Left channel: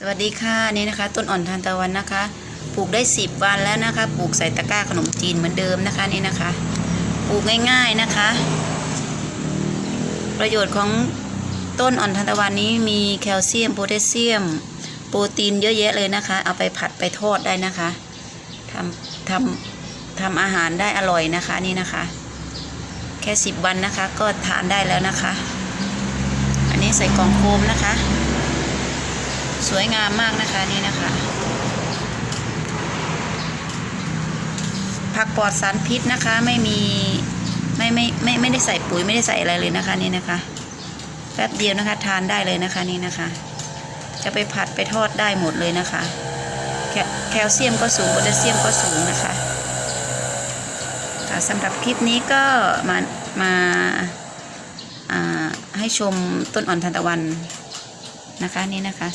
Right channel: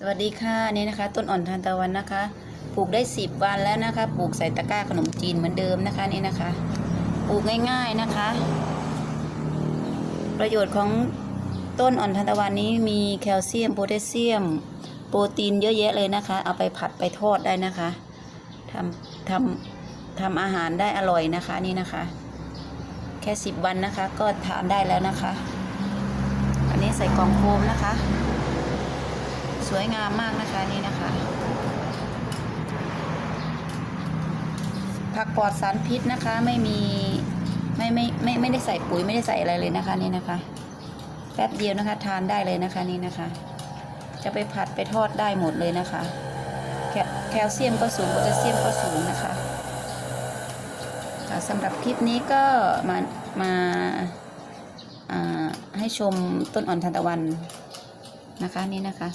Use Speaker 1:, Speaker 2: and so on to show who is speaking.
Speaker 1: สวัสดีค่ะนี่นะคะ ต้นอ่อนทานตะวันนะคะปลูกได้ 10 วันแล้วนะคะปลูกใส่ตะกร้าขนมจีนเหมือนเดิมนะคะนี่นะคะปลูกง่ายๆนะคะ ประโยชน์ของต้นอ่อนทานตะวันนี้มีแคลเซียมโพแทสเซียม โปรตีนเยอะแยะเลยนะคะ เอาไปผัดไปทอดได้นะคะทำทำทำอาหารได้อร่อยนะคะนี่นะคะ แค่ 10 วันนะคะก็ทานได้แล้วนะคะ อันนี้ใส่กล่องโฟมนะคะ สวยงามมากนะคะนี่นะคะ ผักปลอดสารพิษนะคะไม่มีไม่ไม่ไม่ไม่ได้ใส่ปุ๋ยไม่ได้ใส่อะไรเลยนะคะนี่นะคะแป๊บเดียวนะคะทานได้เลยนะคะนี่นะคะ จะไปผัดไปทอดได้หมดเลยนะคะแคลเซียมก็สูงโพแทสเซียมก็สูงนะคะค่ะสำหรับคลิปนี้ก็มามาอ่าให้ชมต้นอ่อนทานตะวันนะคะนี่นะคะ